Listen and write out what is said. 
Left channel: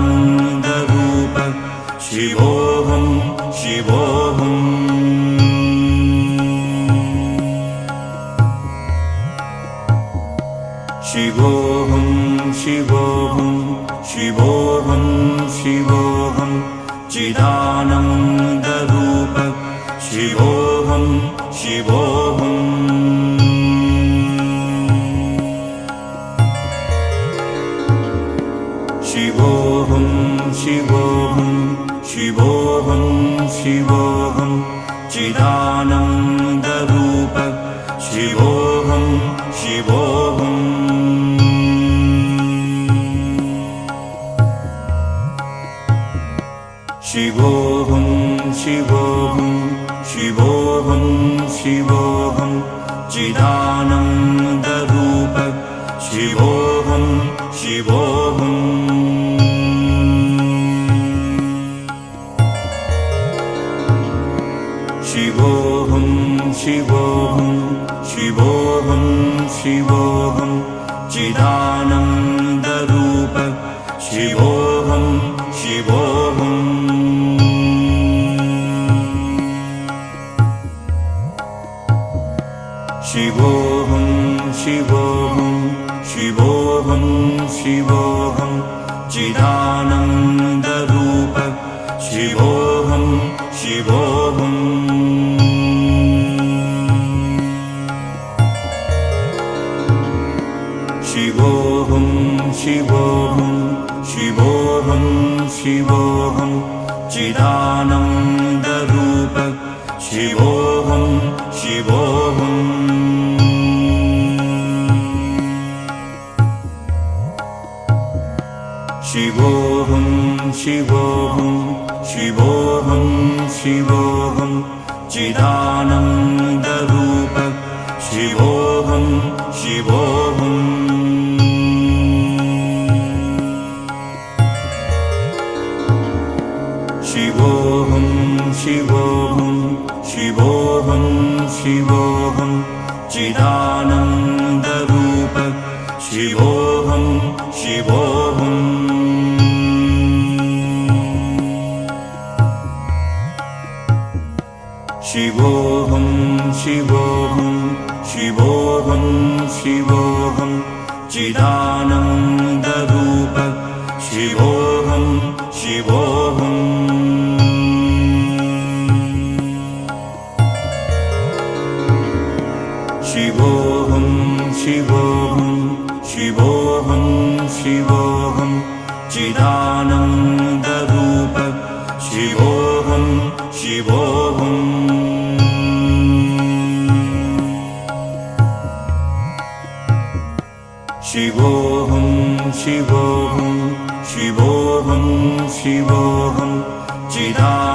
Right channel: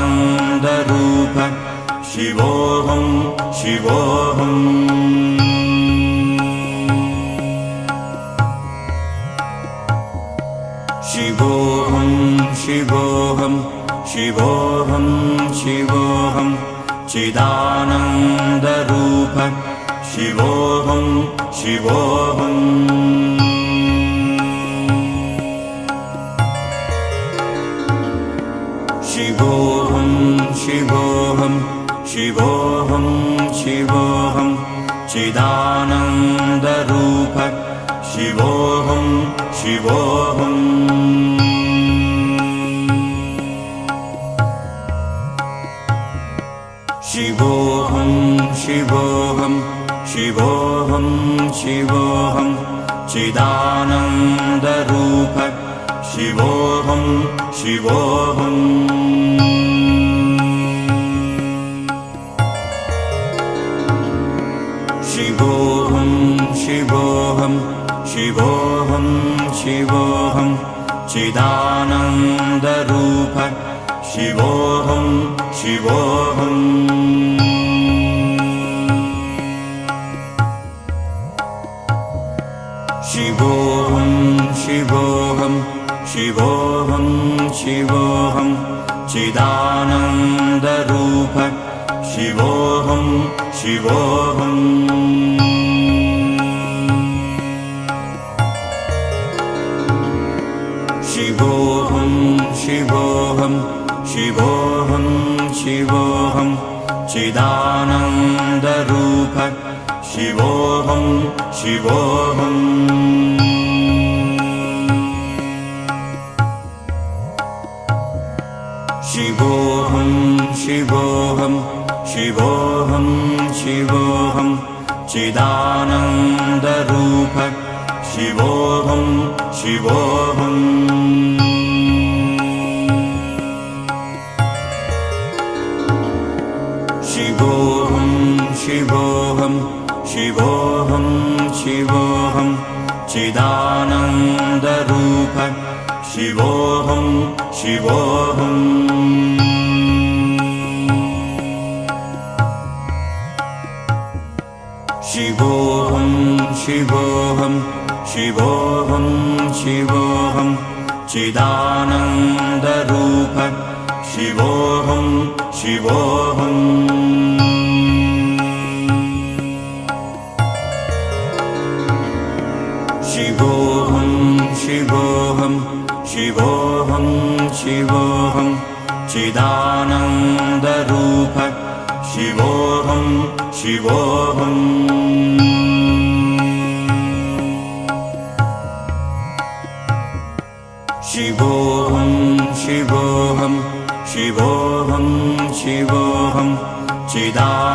चिदानन्दरूप शिवोऽहं शिवोऽहम् शिवोऽहं शिवोऽहं शिवोऽहं शिवोऽहं चिदानन्दरूप शिवोऽहं शिवोऽहम् शिवोऽहं शिवोऽहं शिवोऽहं शिवोऽहं चिदानन्दरूप शिवोऽहं शिवोऽहम् शिवोऽहं शिवोऽहं शिवोऽहं शिवोऽहं चिदानन्दरूप शिवोऽहं शिवोऽहम् शिवोऽहं शिवोऽहं शिवोऽहं शिवोऽहं चिदानन्दरूप शिवोऽहं शिवोऽहम् शिवोऽहं शिवोऽहं शिवोऽहं शिवोऽहं चिदानन्दरूप शिवोऽहं शिवोऽहम् शिवोऽहं शिवोऽहं शिवोऽहं शिवोऽहं चिदानन्दरूप शिवोऽहं शिवोऽहम् शिवोऽहं शिवोऽहं शिवोऽहं शिवोऽहं चिदानन्दरूप शिवोऽहं शिवोऽहम् शिवोऽहं शिवोऽहं शिवोऽहं शिवोऽहं चिदानन्दरूप शिवोऽहं शिवोऽहम् शिवोऽहं शिवोऽहं शिवोऽहं शिवोऽहं चिदानन्दरूप शिवोऽहं शिवोऽहम् शिवोऽहं शिवोऽहं शिवोऽहं शिवोऽहं चिदानन्दरूप शिवोऽहं शिवोऽहम् शिवोऽहं शिवोऽहं शिवोऽहं शिवोऽहं चिदानन्दरूप